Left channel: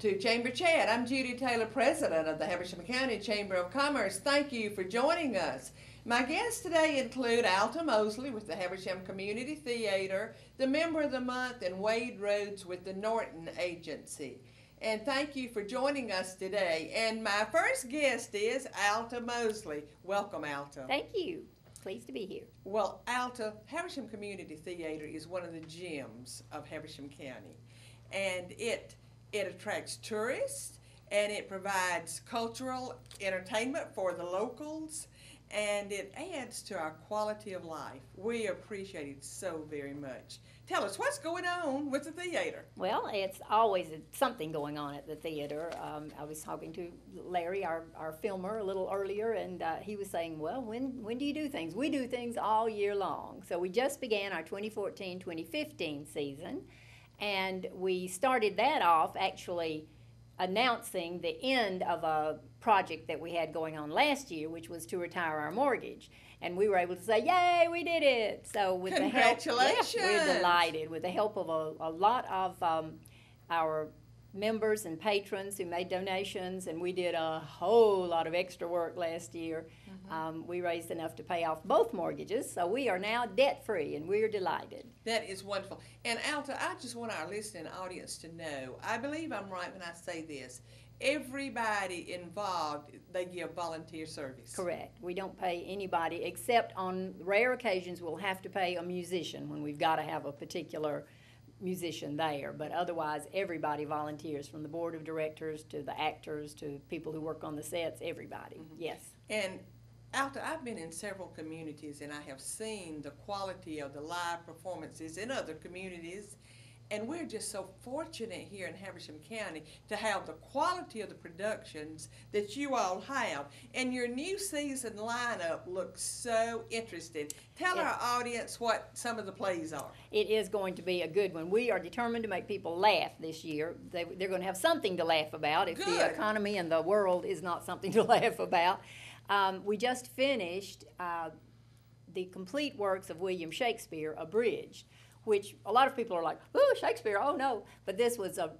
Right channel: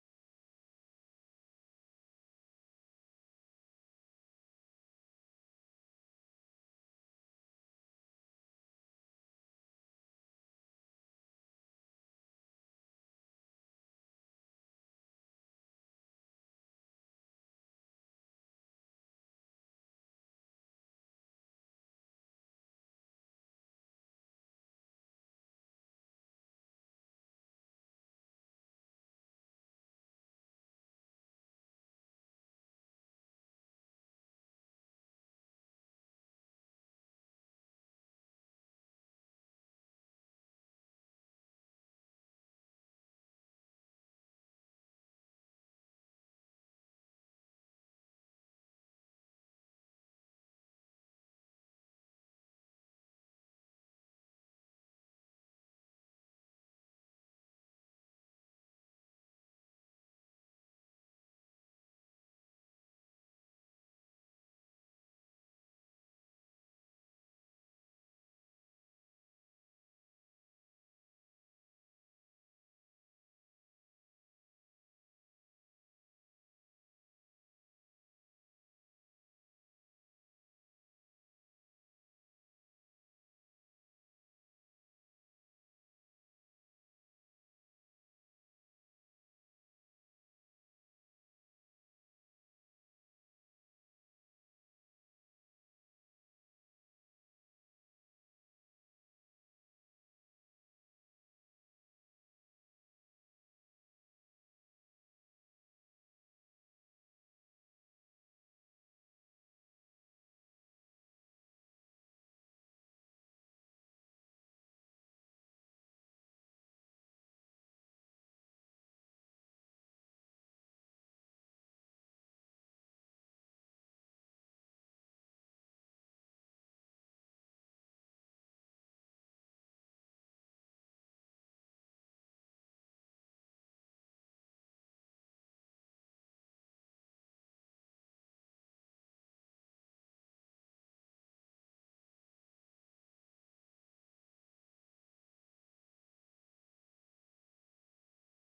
to Chamber Chat. I'm Judy Taylor, President of the Habersham County Chamber of Commerce. Thank you for joining us. My guests today include Alta Mosley with the Habersham Community Theater, the Member of the Month, and Wade Rhodes with the Norton Agency. And thank you for joining us today. And my first guest is Alta Mosley. Welcome, Alta. Thank you. Pleased to be here. Well, Alta, Habersham Community Theater is one of the gems of Habersham County. And it attracts tourists, and it provides cultural entertainment for the locals, and it adds to our quality of life. We appreciate it so very much. Tell us, what's going on with the theater? Well, it's always something going on at the theater. I was talking to Larry, our filmer, a little earlier, and he was saying, well, when do you do things? We do things all year long. So we just began our 2014-2015 season, and we started that off actually announcing the end of a project that we had going on last year, which was to retire our mortgage. And we were able to say, yay, we did it. So with the help, we're delighted. With the help of a lot of our members and patrons who made donations, and we did a whole lot of extra work last year. We raised enough to pay off both mortgages, so we are now debt-free, and we're delighted. That is wonderful. And Alta, I just want our listening audience to know, I believe I'm right when I say this, everybody involved, they give volunteer service. Correct. We don't pay anybody, except on rare occasions we'll have to pay a musician when we've got to have a particular musician there. But otherwise, everybody volunteers, from the board of directors to the actors to people who work on the sets, everybody. Yes. And Alta, I've been in several communities, and I have seen the quality of the live performances in other communities. And we're just so fortunate here in Habersham County to have the quality of the productions that you all have. And your new season lineup looks so interesting. Tell our audience what some of the plays are. It is going to be a good one. We are determined to make people laugh this year. They're going to have something to laugh about if the economy and the world is not something to laugh about. We just finished the complete works of William Shakespeare, abridged, which a lot of people are like, oh, Shakespeare, oh no. But this was a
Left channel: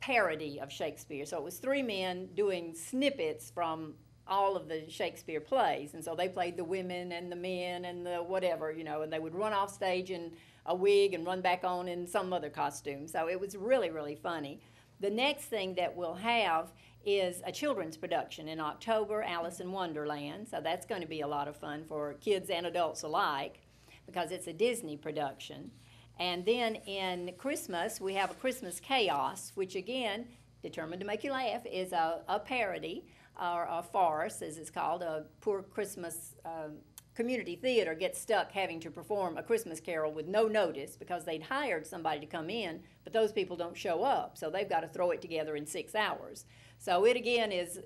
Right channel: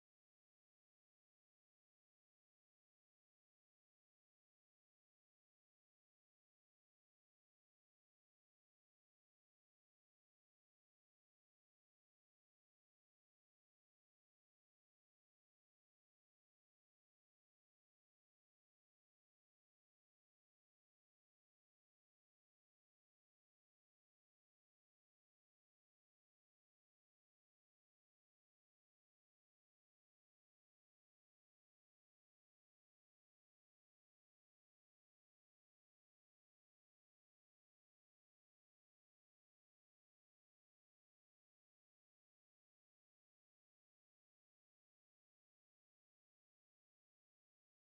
parody of Shakespeare. So it was three men doing snippets from all of the Shakespeare plays. And so they played the women and the men and the whatever, you know, and they would run off stage in a wig and run back on in some other costume. So it was really, really funny. The next thing that we'll have is a children's production in October, Alice in Wonderland. So that's going to be a lot of fun for kids and adults alike, because it's a Disney production. And then in Christmas, we have a Christmas Chaos, which again, determined to make you laugh, is a parody, or a farce, as it's called. A poor Christmas community theater gets stuck having to perform A Christmas Carol with no notice because they'd hired somebody to come in, but those people don't show up, so they've got to throw it together in 6 hours. So it again is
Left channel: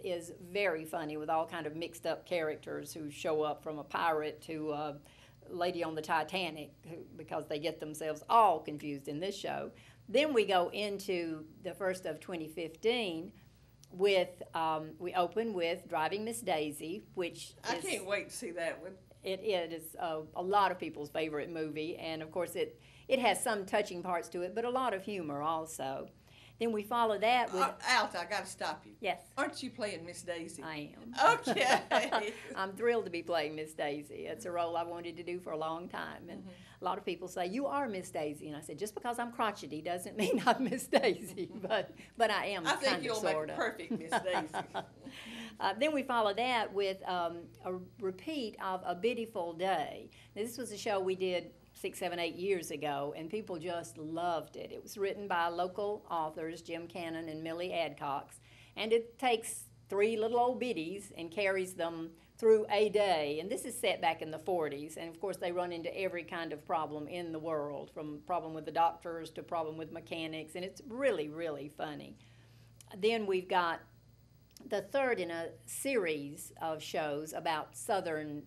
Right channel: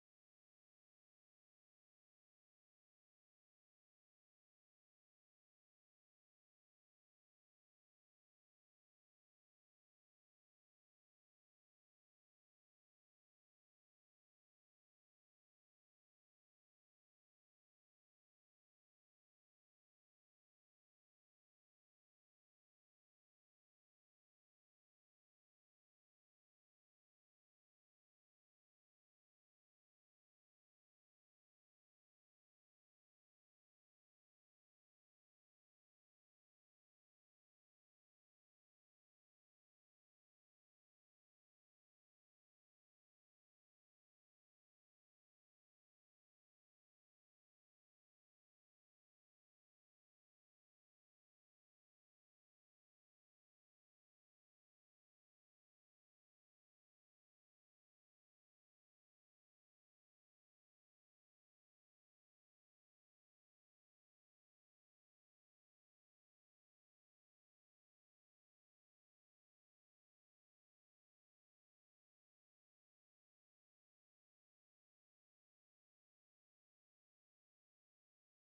very funny, with all kind of mixed up characters who show up, from a pirate to a lady on the Titanic, because they get themselves all confused in this show. Then we go into the first of 2015 with, we open with Driving Miss Daisy, which I can't wait to see that one. It is a lot of people's favorite movie, and of course it has some touching parts to it, but a lot of humor also. Then we follow that with... Alta, I got to stop you. Yes. Aren't you playing Miss Daisy? I am. Okay. I'm thrilled to be playing Miss Daisy. It's a role I wanted to do for a long time. And a lot of people say, you are Miss Daisy. And I said, just because I'm crotchety doesn't mean I'm Miss Daisy. But I am, I think you'll make a perfect Miss Daisy. Then we follow that with a repeat of A Beautiful Day. Now, this was a show we did 6, 7, 8 years ago, and people just loved it. It was written by local authors, Jim Cannon and Millie Adcox, and it takes 3 little old biddies and carries them through a day. And this is set back in the 40s, and of course they run into every kind of problem in the world, from problem with the doctors to problem with mechanics, and it's really, really funny. Then we've got the third in a series of shows about Southern,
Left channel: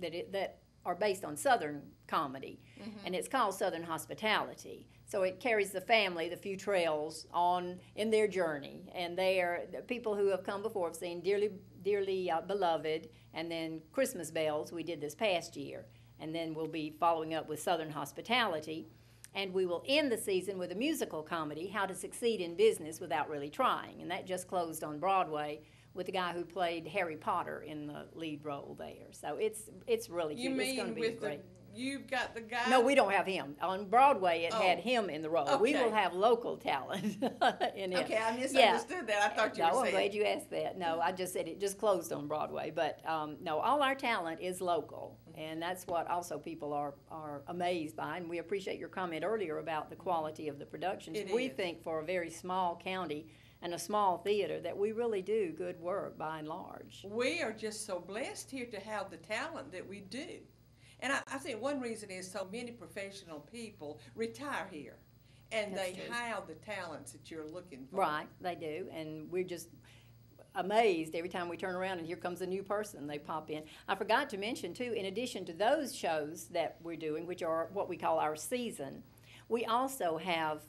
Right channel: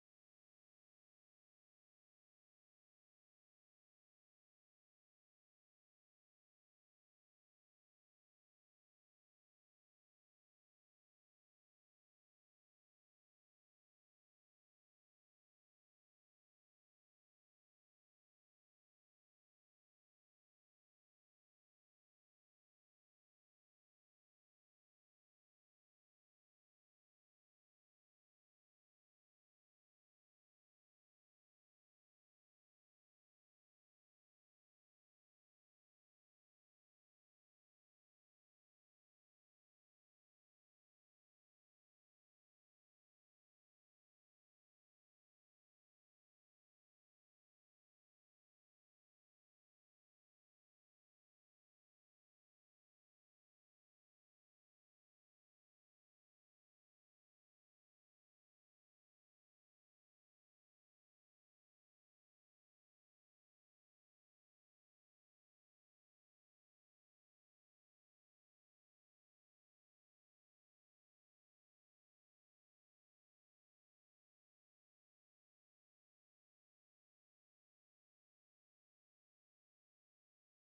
that are based on Southern comedy, and it's called Southern Hospitality. So it carries the family, the Futrells, on in their journey, and they are the people who have come before. Have seen Dearly, Dearly Beloved, and then Christmas Bells we did this past year, and then we'll be following up with Southern Hospitality. And we will end the season with a musical comedy, How to Succeed in Business Without Really Trying. And that just closed on Broadway with the guy who played Harry Potter in the lead role there. So it's really cute. You It's going mean to be with great. You've got the guy? No, we don't have him. On Broadway, it had Oh. him in the role. We Okay. will have local talent in it. Okay, I misunderstood that. I thought you No, were I'm saying. glad you asked that. No, I just said it just closed on Broadway. But no, all our talent is local. And that's what also people are amazed by. And we appreciate your comment earlier about the quality of the productions. It We is. think for a very small county and a small theater that we really do good work by and large. We are just so blessed here to have the talent that we do. And I think one reason is so many professional people retire here. And That's they true. have the talents that you're looking for. Right, they do. And we're just amazed every time we turn around and here comes a new person, they pop in. I forgot to mention too, in addition to those shows that we're doing, which are what we call our season, we also have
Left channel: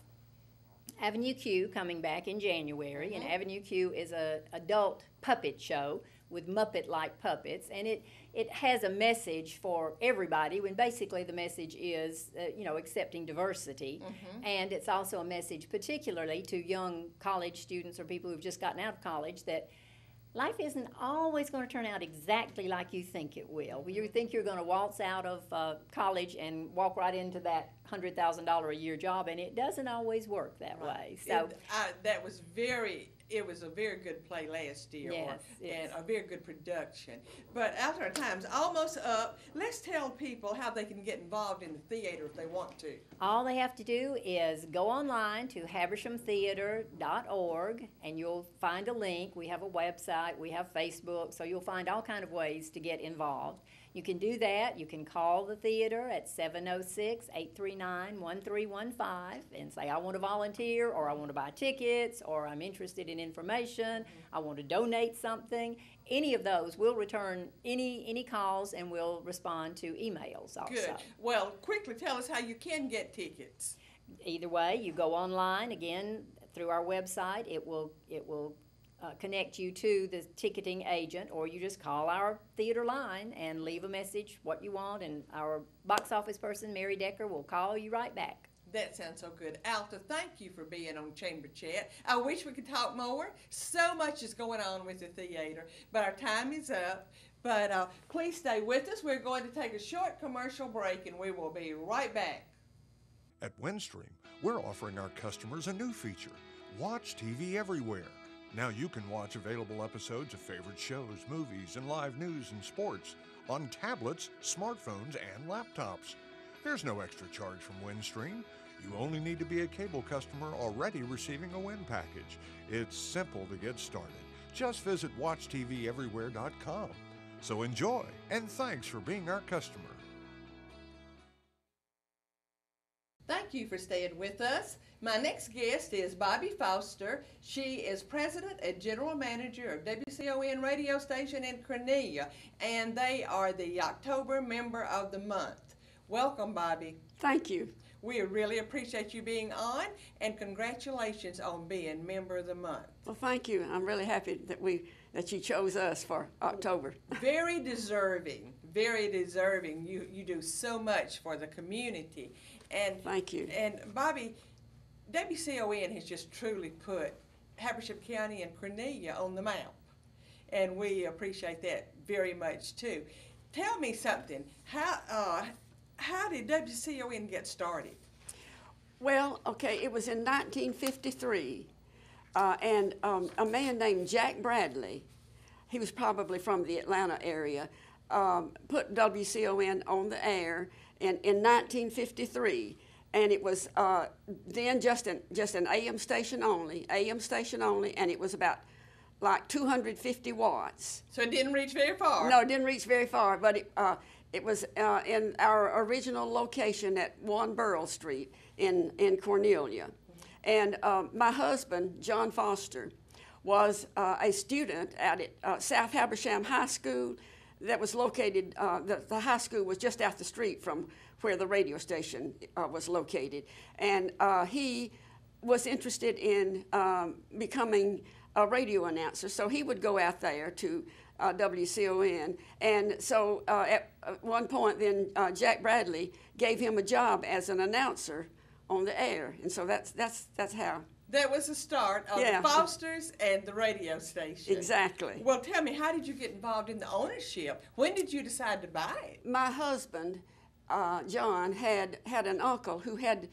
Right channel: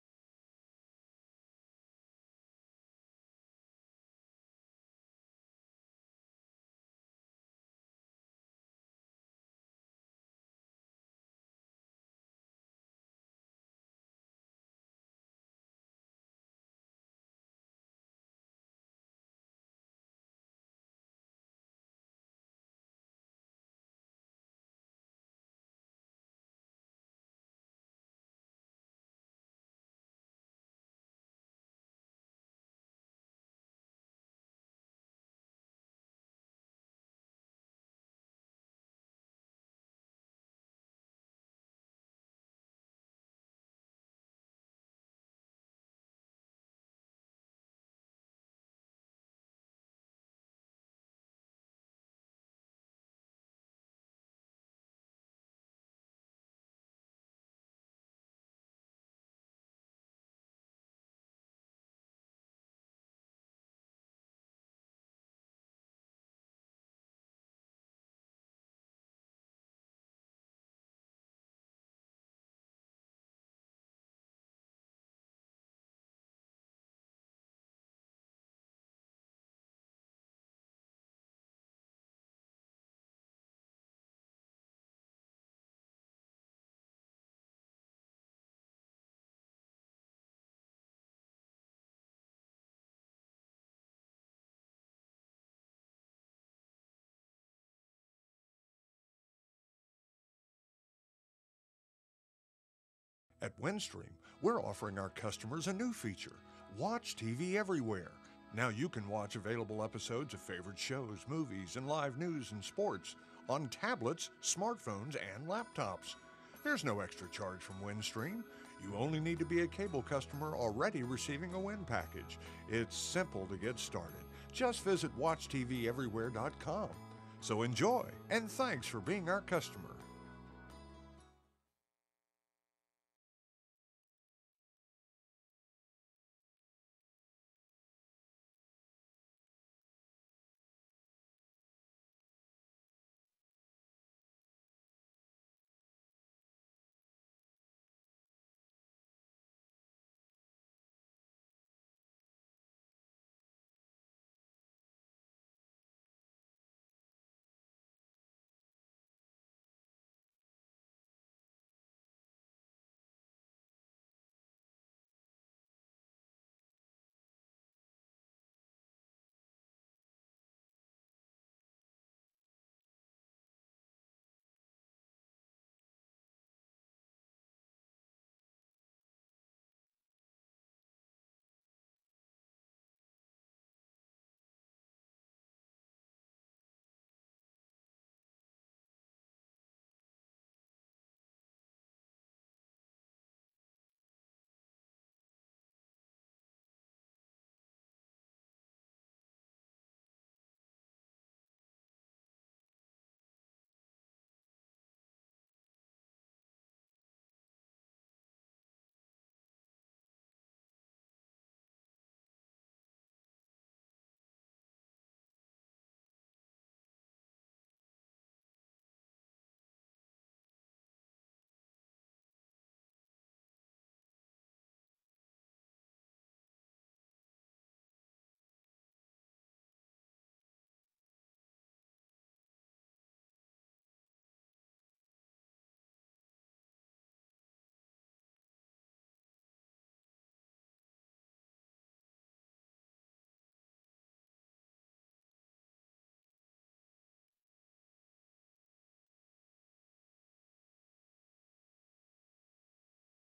Avenue Q coming back in January, and Avenue Q is a adult puppet show with Muppet-like puppets, and it has a message for everybody, when basically the message is, accepting diversity, and it's also a message particularly to young college students or people who've just gotten out of college that life isn't always going to turn out exactly like you think it will. You think you're going to waltz out of college and walk right into that $100,000 a year job, and it doesn't always work that way. So It was a very good play last year, Yes, and a very good production. But after our time's almost up, let's tell people how they can get involved in the theater if they want to. all they have to do is go online to habershamtheater.org, and you'll find a link. We have a website, we have Facebook, so you'll find all kind of ways to get involved. You can do that. You can call the theater at 706-839-1315 and say, I want to volunteer, or I want to buy tickets, or I'm interested in information, I want to donate something. Any of those, we'll return any calls, and we'll respond to emails also. Good. Well, quickly tell us how you can get tickets. Either way, you go online, again, through our website. It will connect you to the ticketing agent, or you just call our theater line and leave a message what you want, and our box office person, Mary Decker, will call you right back. That sounds so good. Alta, thank you for being on Chamber Chat. I wish we could talk more. So much is going on with the theater, but our time is up. But please stay with us. We're going to take a short commercial break, and we will be right back. At Windstream, we're offering our customers a new feature, Watch TV Everywhere. Now you can watch available episodes of favorite shows, movies, and live news and sports on tablets, smartphones, and laptops. There's no extra charge from Windstream. You only need to be a cable customer already receiving a Wind package. It's simple to get started. Just visit WatchTVEverywhere.com. So enjoy, and thanks for being our customer. Thank you for staying with us. My next guest is Bobby Foster. She is president and general manager of WCON radio station in Cornelia, and they are the October member of the month. Welcome, Bobby. Thank you. We really appreciate you being on, and congratulations on being member of the month. Well, thank you. I'm really happy that you chose us for October. Very deserving, very deserving. You do so much for the community. And Thank you. And Bobby, WCON has just truly put Habersham County and Cornelia on the map, and we appreciate that very much too. Tell me something. How did WCON get started? Well, okay, it was in 1953, and a man named Jack Bradley, he was probably from the Atlanta area, put WCON on the air in 1953. And it was then just an AM station only, and it was about like 250 watts. So it didn't reach very far. No, it didn't reach very far, but it was in our original location at 1 Burrell Street in Cornelia. And my husband, John Foster, was a student at South Habersham High School that was located, the high school was just out the street from where the radio station was located. And he was interested in becoming a radio announcer, so he would go out there to WCON. And so at one point then Jack Bradley gave him a job as an announcer on the air, and so that's how. That was the start of Yeah. the Fosters and the radio station. Exactly. Well, tell me, how did you get involved in the ownership? When did you decide to buy it? My husband, John, had an uncle who had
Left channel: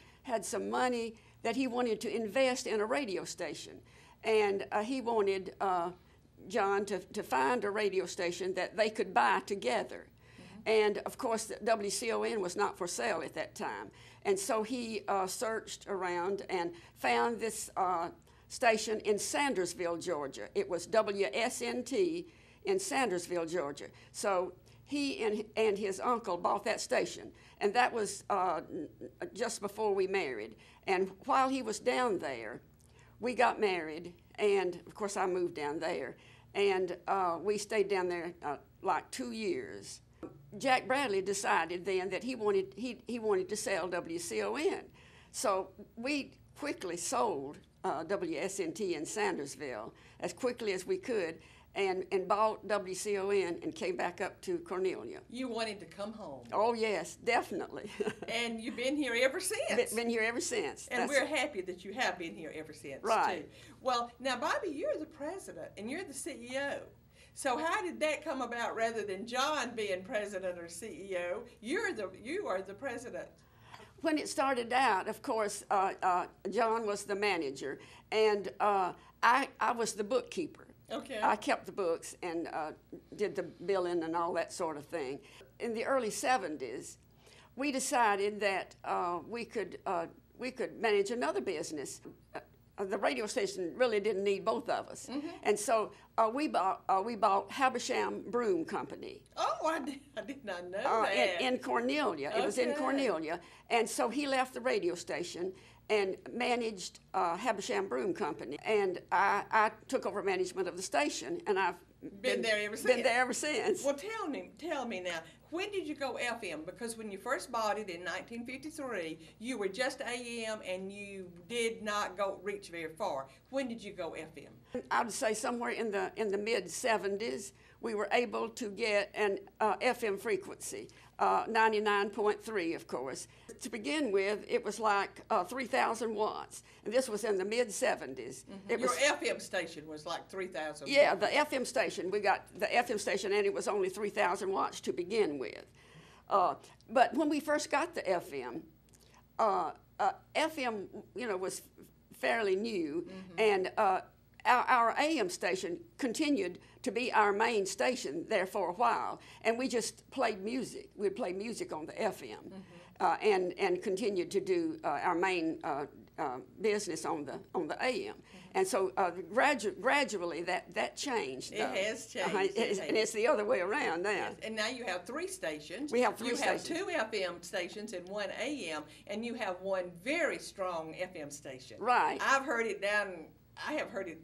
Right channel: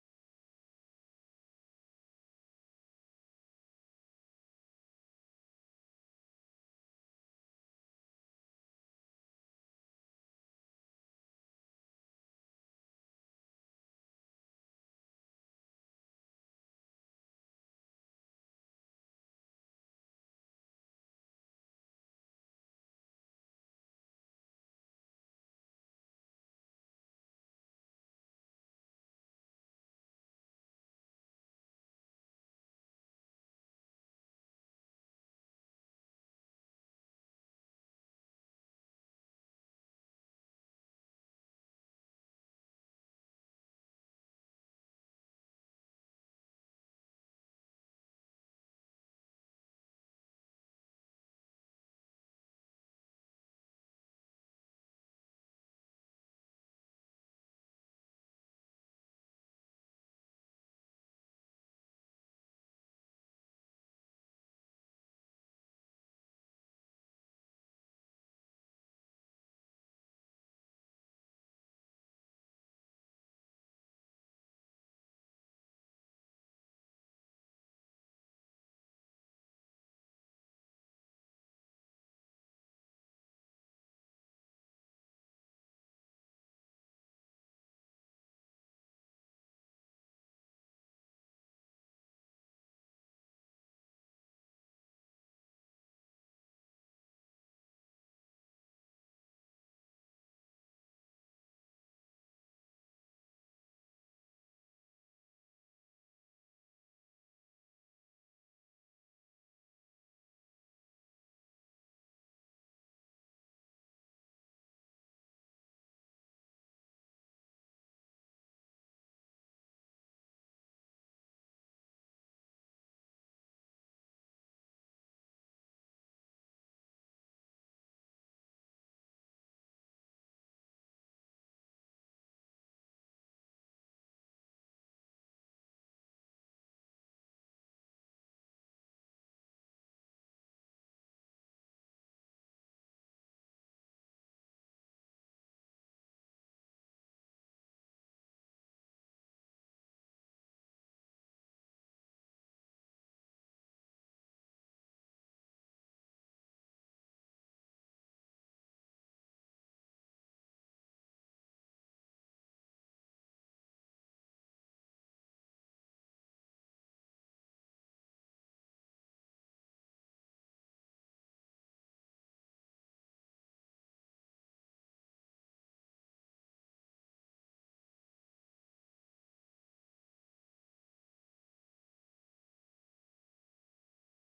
some money that he wanted to invest in a radio station, and he wanted John to find a radio station that they could buy together. And of course, the WCON was not for sale at that time. And so he searched around and found this station in Sandersville, Georgia. It was WSNT in Sandersville, Georgia. So he and his uncle bought that station. And that was just before we married. And while he was down there, we got married. And of course, I moved down there. And we stayed down there like 2 years. Jack Bradley decided then that he wanted to sell WCON. So we quickly sold WSNT in Sandersville as quickly as we could and bought WCON and came back up to Cornelia. You wanted to come home. Oh, yes, definitely. And you've been here ever since. Been here ever since. And we're happy that you have been here ever since, right. too. Well, now, Bobby, you're the president and you're the CEO. So how did that come about rather than John being president or CEO? You are the president. When it started out, of course, John was the manager, and I was the bookkeeper. Okay. I kept the books and did the billing and all that sort of thing. In the early 70s, we decided that we could manage another business. The radio station really didn't need both of us, and so we bought Habersham Broom Company. Oh, I did not know that. In Cornelia. It was in Cornelia, and so he left the radio station and managed Habersham Broom Company, and I took over management of the station, and I've been there ever since. Been there ever since. Well, tell me now, when did you go FM? Because when you first bought it in 1953, you were just AM and you did not reach very far. When did you go FM? I would say somewhere in the mid 70s, we were able to get an FM frequency, 99.3, of course. To begin with, it was like 3,000 watts, and this was in the mid 70s. Your FM station was like 3,000. Yeah, the FM station. We got the FM station, and it was only 3,000 watts to begin with. But when we first got the FM, FM, was fairly new, and our AM station continued to be our main station there for a while, and we just played music. We'd play music on the FM, and continued to do our main business on the AM. And so gradually that changed. It has changed. And it's the other way around now. Yes. And now you have 3 stations. We have 3 stations. You have 2 FM stations and 1 AM, and you have 1 very strong FM station. Right. I have heard it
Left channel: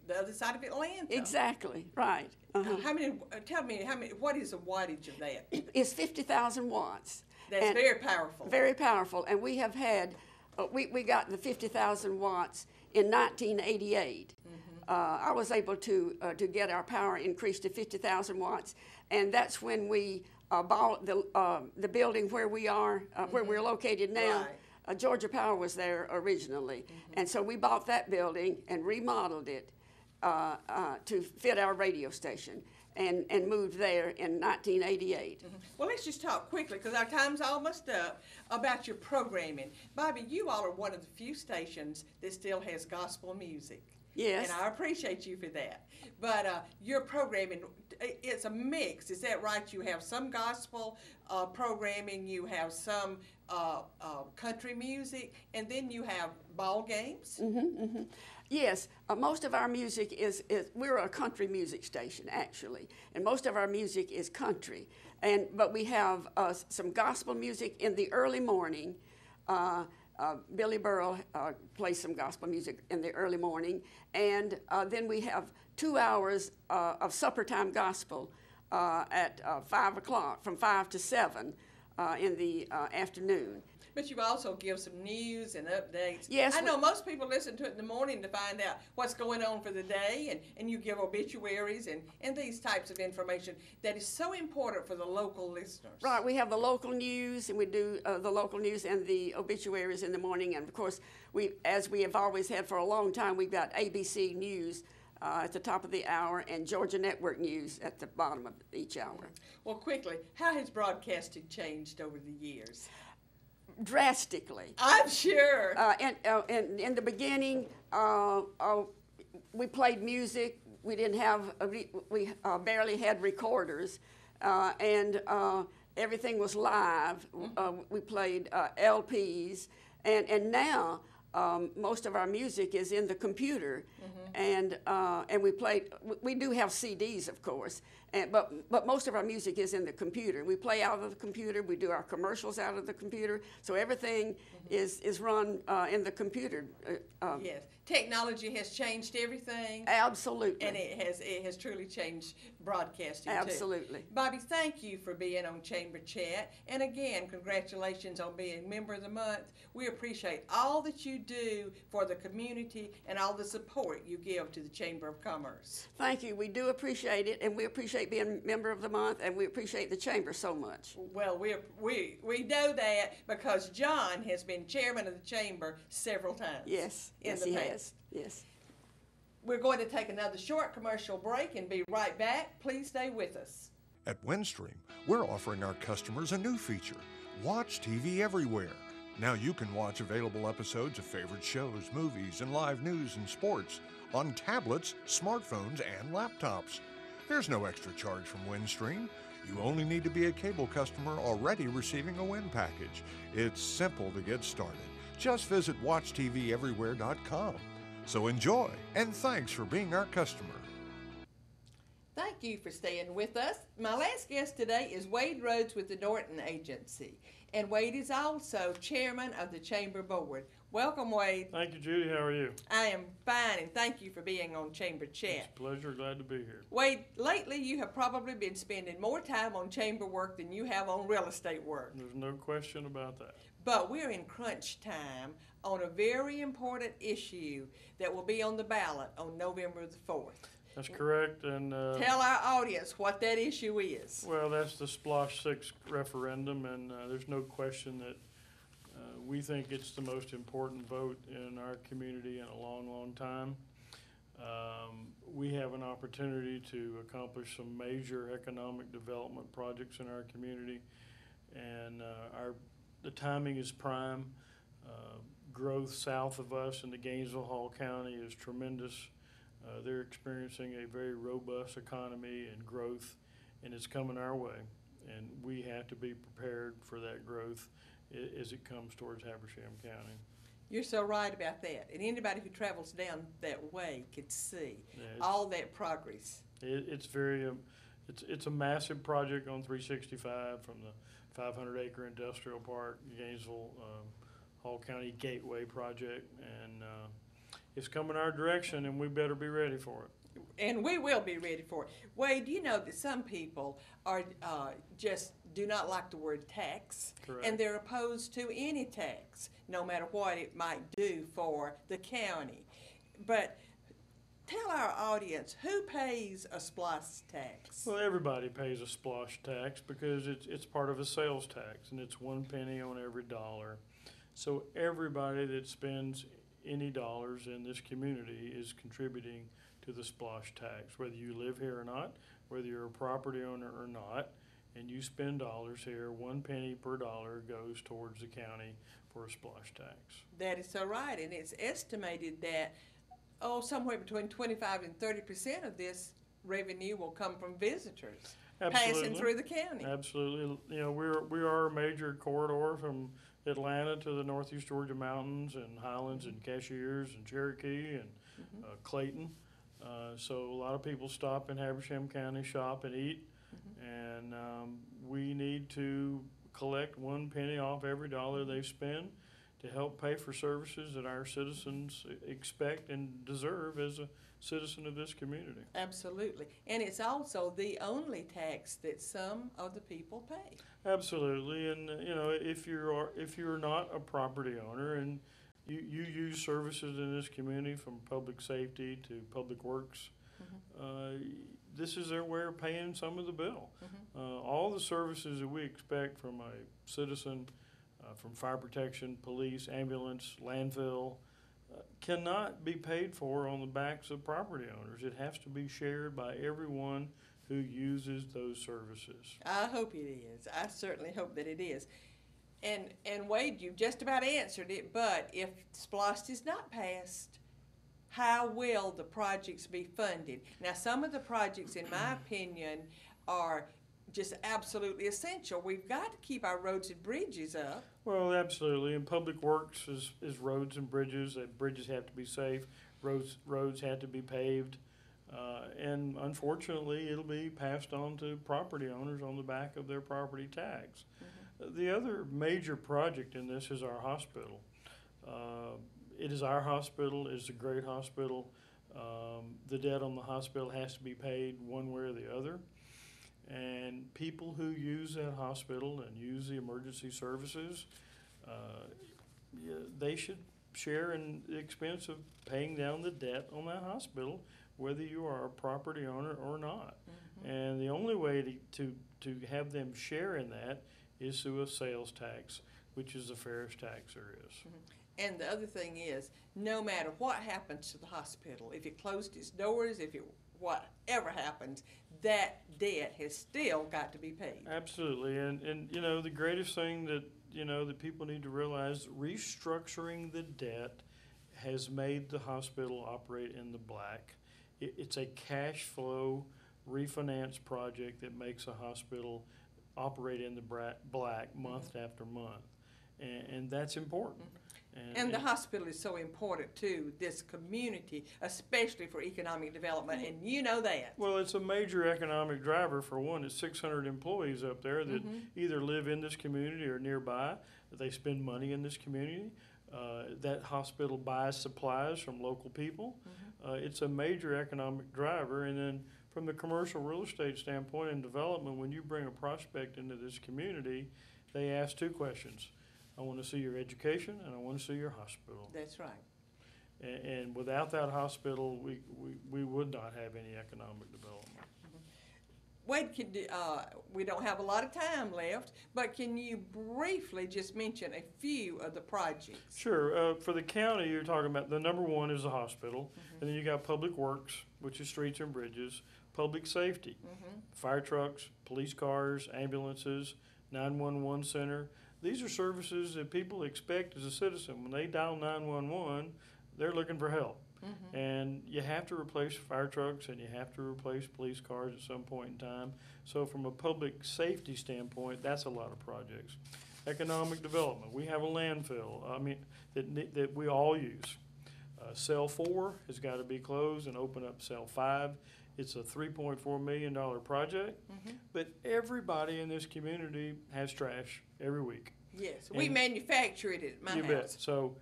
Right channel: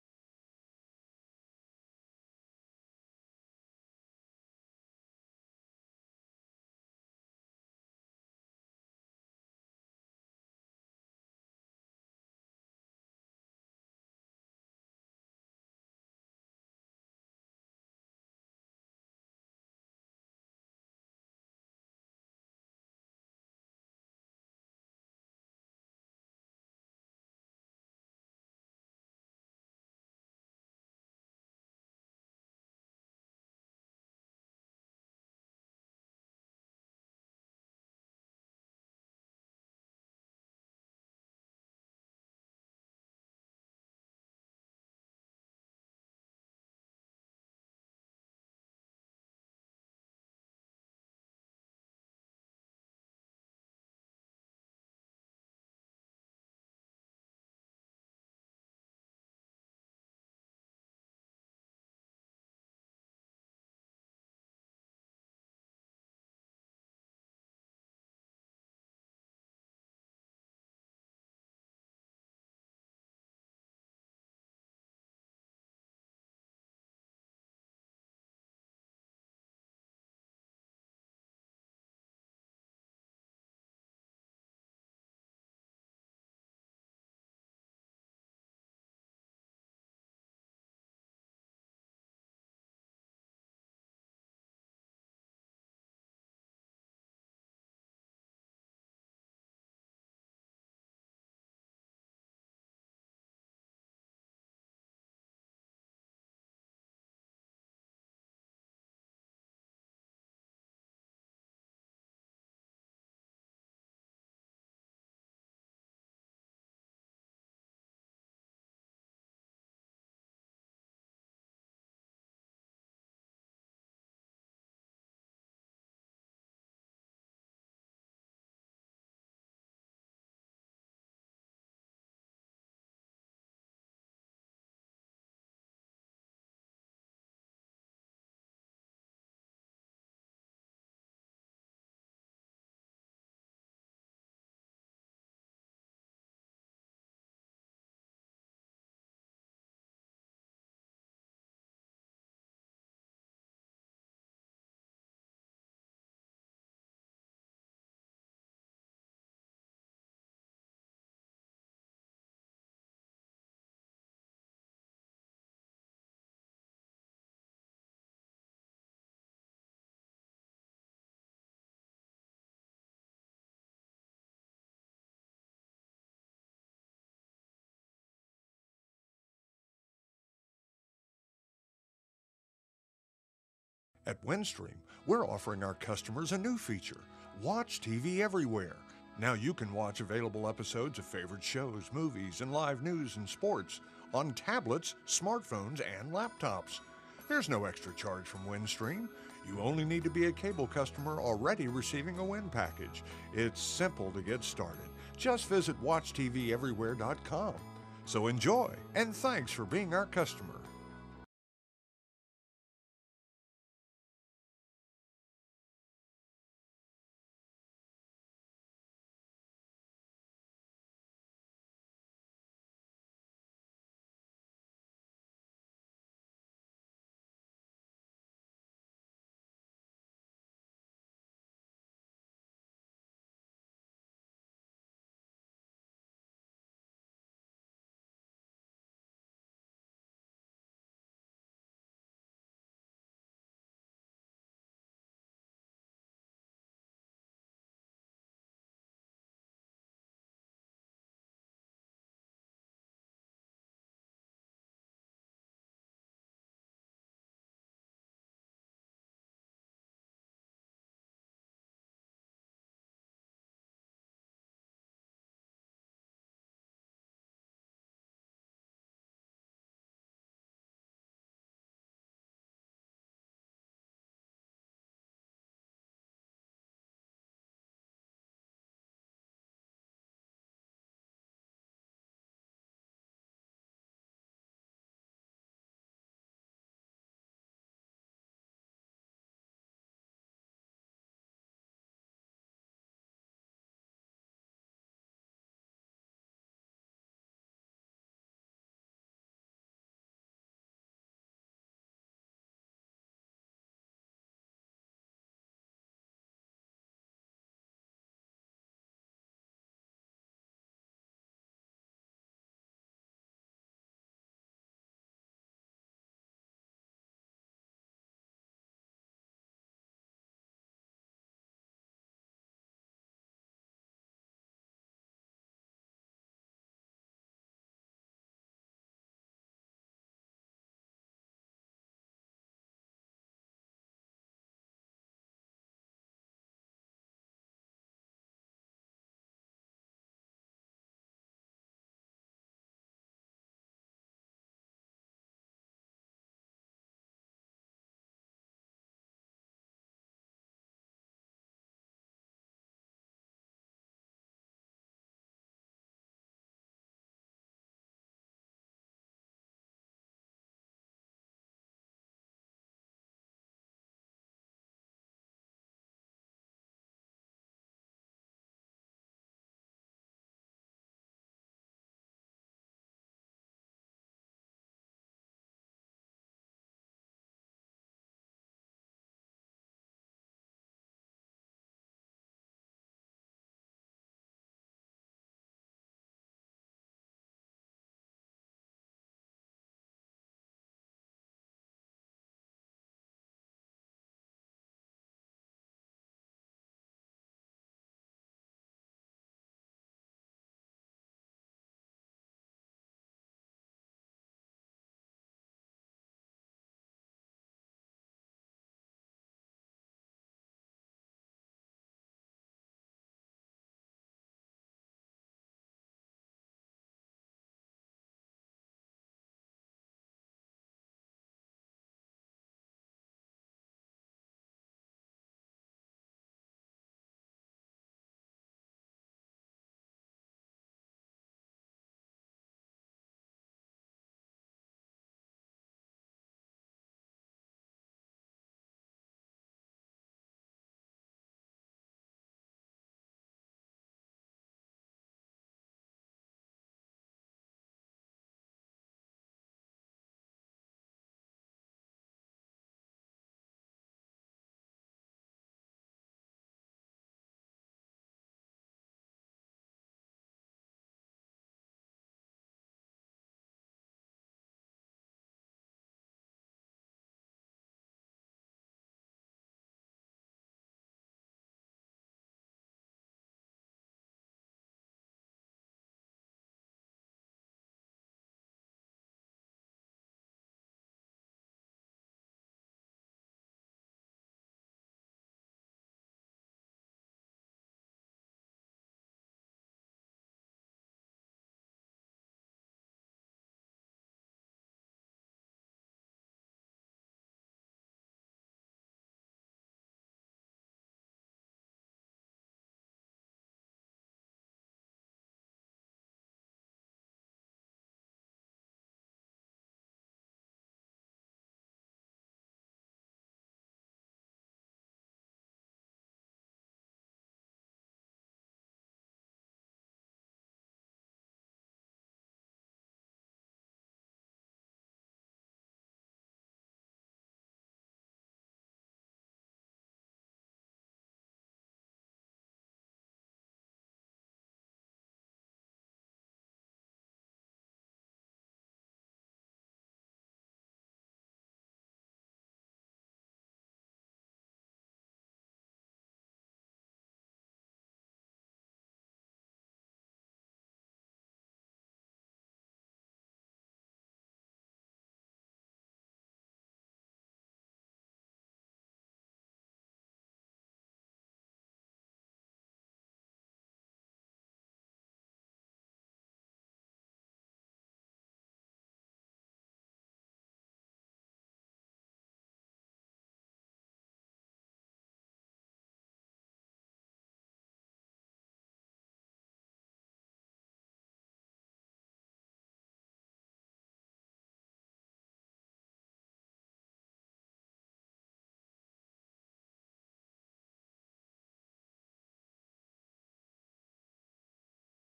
the other side of Atlanta. Exactly, right. How many? Tell me what is the wattage of that? It's 50,000 watts. That's very powerful. Very powerful, and we have had, we got the 50,000 watts in 1988. I was able to get our power increased to 50,000 watts, and that's when we bought the building where we are, where we're located now. Right. Georgia Power was there originally, and so we bought that building and remodeled it to fit our radio station, and moved there in 1988. Well, let's just talk quickly, because our time's almost up, about your programming. Bobby, you all are one of the few stations that still has gospel music. Yes. And I appreciate you for that. But your programming, it's a mix. Is that right? You have some gospel programming, you have some country music, and then you have ball games? Yes, most of our music is we're a country music station, actually, and most of our music is country. But we have some gospel music in the early morning. Billy Burrell plays some gospel music in the early morning, and then we have 2 hours of supper time gospel at 5 o'clock, from 5 to 7 in the afternoon. But you also give some news and updates. Yes, I know most people listen to it in the morning to find out what's going on for the day, and you give obituaries and these types of information that is so important for the local listeners. Right, we have the local news, and we do the local news and the obituaries in the morning. And of course, as we have always had for a long time, we've got ABC News at the top of the hour and Georgia Network News at the bottom of each hour. Well, quickly, how has broadcasting changed over the years? Drastically. I'm sure. In the beginning, we played music. We didn't have, we barely had recorders, and everything was live. We played LPs, and now most of our music is in the computer, and we do have CDs, of course, but most of our music is in the computer. We play out of the computer. We do our commercials out of the computer. So everything is run in the computer. Yes, technology has changed everything. Absolutely. And it has truly changed broadcasting Absolutely. too. Bobby, thank you for being on Chamber Chat. And again, congratulations on being Member of the Month. We appreciate all that you do for the community and all the support you give to the Chamber of Commerce. Thank you. We do appreciate it, and we appreciate being Member of the Month, and we appreciate the Chamber so much. Well, we know that because John has been chairman of the Chamber several times. Yes, yes, he has. Yes. We're going to take another short commercial break and be right back. Please stay with us. At Windstream, we're offering our customers a new feature, Watch TV Everywhere. Now you can watch available episodes of favorite shows, movies, and live news and sports on tablets, smartphones, and laptops. There's no extra charge from Windstream. You only need to be a cable customer already receiving a Wind package. It's simple to get started. Just visit WatchTVEverywhere.com. So enjoy, and thanks for being our customer. Thank you for staying with us. My last guest today is Wade Rhodes with the Norton Agency, and Wade is also chairman of the Chamber Board. Welcome, Wade. Thank you, Judy. How are you? I am fine, and thank you for being on Chamber Chat. It's a pleasure. Glad to be here. Wade, lately you have probably been spending more time on chamber work than you have on real estate work. There's no question about that. But we're in crunch time on a very important issue that will be on the ballot on November the 4th. That's correct. And tell our audience what that issue is. Well, that's the Splosh 6 referendum, and there's no question that we think it's the most important vote in our community in a long, long time. We have an opportunity to accomplish some major economic development projects in our community, and the timing is prime. Growth south of us in the Gainesville-Hall County is tremendous. They're experiencing a very robust economy and growth, and it's coming our way. And we have to be prepared for that growth as it comes towards Habersham County. You're so right about that. And anybody who travels down that way could see all that progress. It's very, it's a massive project on 365 from the 500-acre industrial park, Gainesville Hall County Gateway project, and it's coming our direction, and we better be ready for it. And we will be ready for it. Wade, you know that some people are just do not like the word tax. Correct. And they're opposed to any tax, no matter what it might do for the county. But tell our audience, who pays a SPLOST tax? Well, everybody pays a SPLOSH tax because it's part of a sales tax, and it's 1 penny on every dollar. So everybody that spends any dollars in this community is contributing to the SPLOSH tax, whether you live here or not, whether you're a property owner or not, and you spend dollars here, 1 penny per dollar goes towards the county for a SPLOSH tax. That is so right, and it's estimated that somewhere between 25 and 30% of this revenue will come from visitors passing through the county. Absolutely. You know, we are a major corridor from Atlanta to the Northeast Georgia mountains and Highlands and Cashiers and Cherokee and Clayton. So a lot of people stop in Habersham County, shop and eat, and we need to collect 1 penny off every dollar they spend to help pay for services that our citizens expect and deserve as a citizen of this community. Absolutely. And it's also the only tax that some of the people pay. Absolutely, and if you're not a property owner and you use services in this community from public safety to public works, this is their way of paying some of the bill. All the services that we expect from a citizen, from fire protection, police, ambulance, landfill, cannot be paid for on the backs of property owners. It has to be shared by everyone who uses those services. I hope it is. I certainly hope that it is. And Wade, you just about answered it, but if SPLOST is not passed, how will the projects be funded? Now, some of the projects, in my opinion, are just absolutely essential. We've got to keep our roads and bridges up. Well, absolutely. And public works is roads and bridges. Bridges have to be safe. Roads have to be paved. And unfortunately, it'll be passed on to property owners on the back of their property tax. The other major project in this is our hospital. It is our hospital. It's a great hospital. The debt on the hospital has to be paid one way or the other. And people who use that hospital and use the emergency services, they should share in the expense of paying down the debt on that hospital, whether you are a property owner or not. And the only way to have them share in that is through a sales tax, which is the fairest tax there is. And the other thing is, no matter what happens to the hospital, if it closed its doors, whatever happens, that debt has still got to be paid. Absolutely, and the greatest thing that that people need to realize, restructuring the debt has made the hospital operate in the black. It's a cash flow refinance project that makes a hospital operate in the black month after month, and that's important. And the hospital is so important to this community, especially for economic development, and you know that. Well, it's a major economic driver. For one, it's 600 employees up there that either live in this community or nearby. They spend money in this community. That hospital buys supplies from local people. It's a major economic driver. And then from the commercial real estate standpoint and development, when you bring a prospect into this community, they ask two questions. I want to see your education, and I want to see your hospital. That's right. And without that hospital, we would not have any economic development. Wade, we don't have a lot of time left, but can you briefly just mention a few of the projects? Sure. For the county, you're talking about the number one is the hospital, and then you got public works, which is streets and bridges, public safety, fire trucks, police cars, ambulances, 911 center. These are services that people expect as a citizen. When they dial 911, they're looking for help. And you have to replace fire trucks and you have to replace police cars at some point in time. So from a public safety standpoint, that's a lot of projects. Economic development, we have a landfill, that we all use. Cell 4 has got to be closed and open up Cell 5. It's a $3.4 million project, but everybody in this community has trash every week. Yes, we manufacture it at my house. You bet. So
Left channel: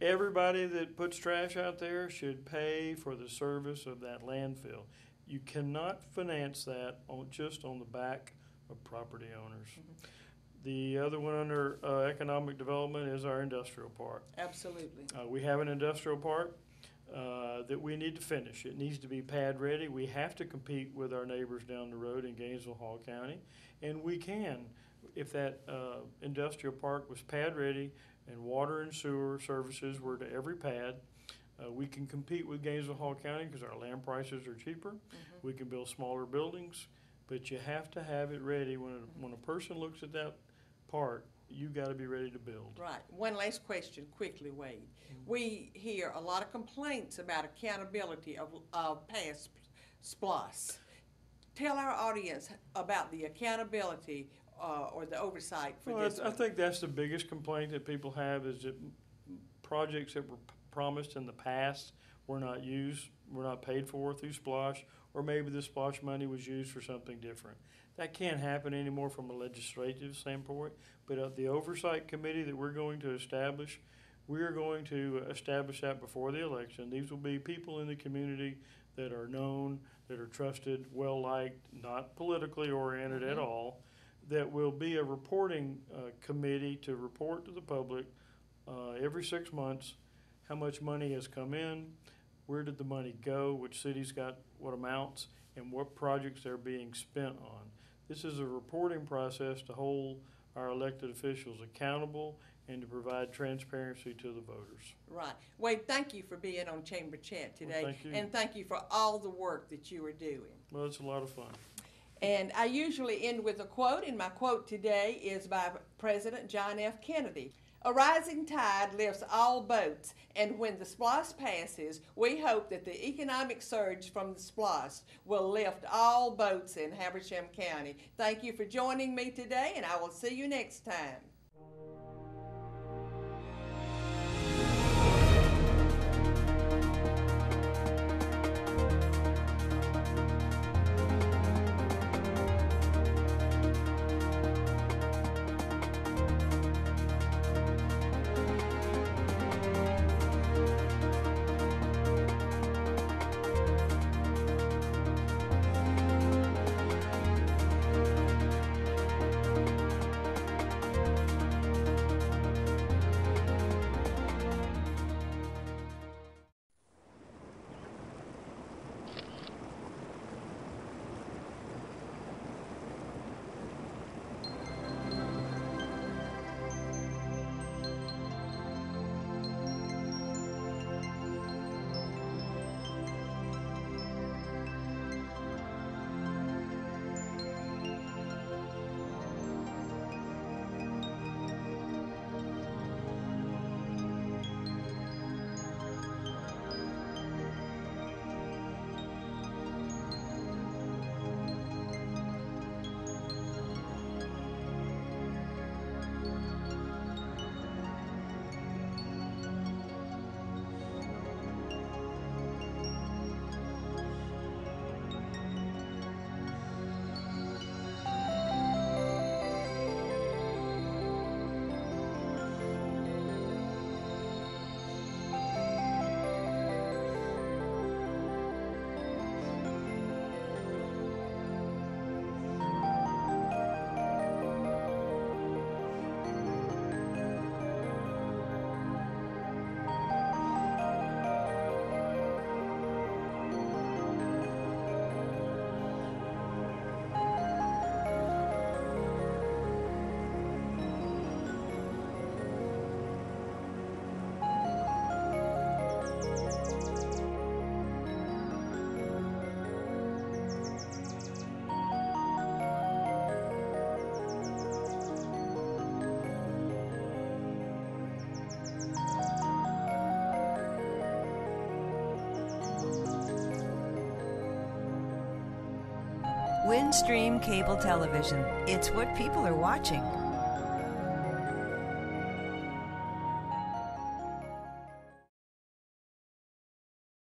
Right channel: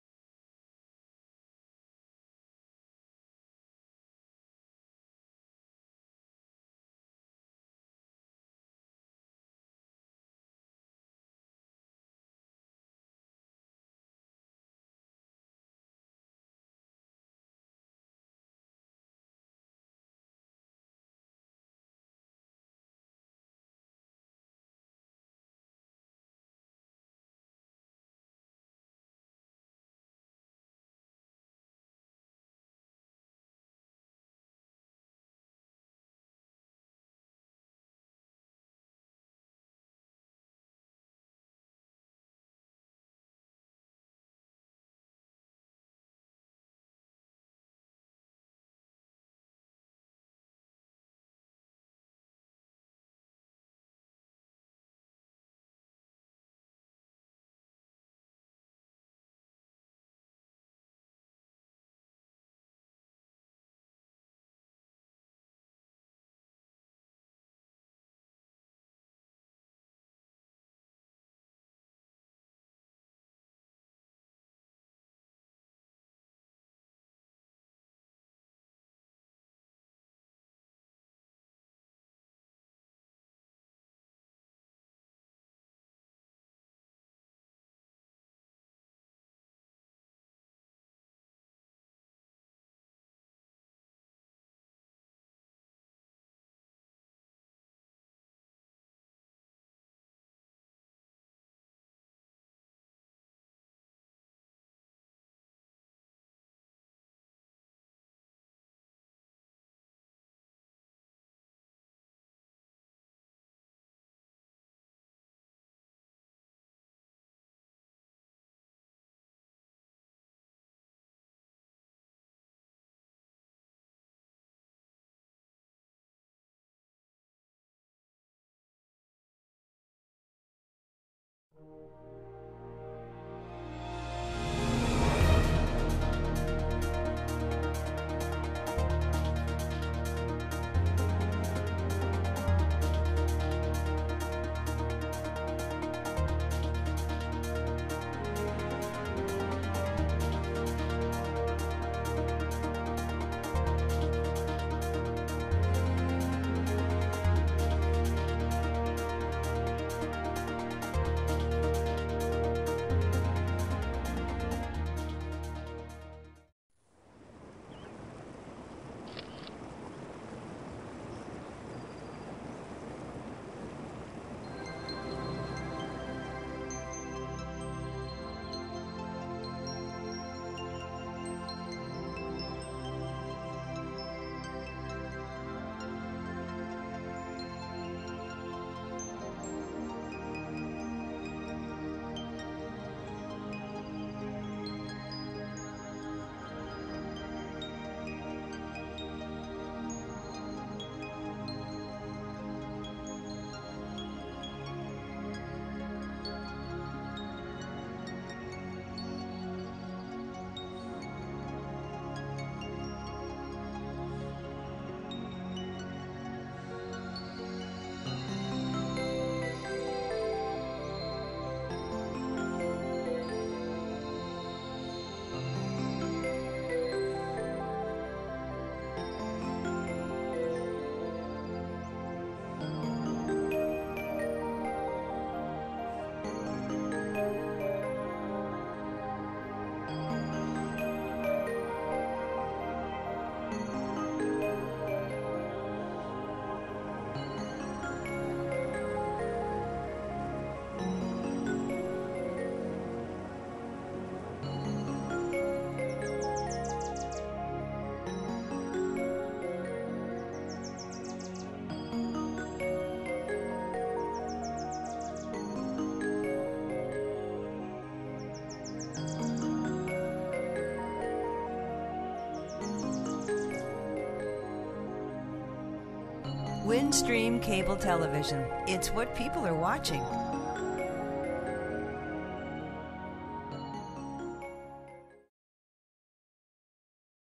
everybody that puts trash out there should pay for the service of that landfill. You cannot finance that just on the back of property owners. The other one under economic development is our industrial park. Absolutely. We have an industrial park that we need to finish. It needs to be pad ready. We have to compete with our neighbors down the road in Gainesville, Hall County, and we can. If that industrial park was pad ready and water and sewer services were to every pad, we can compete with Gainesville, Hall County because our land prices are cheaper. We can build smaller buildings, but you have to have it ready. When a person looks at that park, you got to be ready to build. Right. One last question quickly, Wade. We hear a lot of complaints about accountability of past SPLOST. Tell our audience about the accountability or the oversight for this. I think that's the biggest complaint that people have is that projects that were promised in the past were not used, were not paid for through SPLOST, or maybe the SPLOST money was used for something different. That can't happen anymore from a legislative standpoint, but the oversight committee that we're going to establish we're going to establish that before the election. These will be people in the community that are known, that are trusted, well-liked, not politically oriented at all, that will be a reporting committee to report to the public every 6 months how much money has come in, where did the money go, which cities got what amounts, and what projects they're being spent on. This is a reporting process to hold our elected officials accountable and to provide transparency to the voters. Right. Wade, thank you for being on Chamber Chat today. Well, thank you. And thank you for all the work that you are doing. Well, it's a lot of fun. And I usually end with a quote, and my quote today is by President John F. Kennedy. A rising tide lifts all boats, and when the SPLOST passes, we hope that the economic surge from the SPLOST will lift all boats in Habersham County. Thank you for joining me today, and I will see you next time. Windstream Cable Television. It's what people are watching.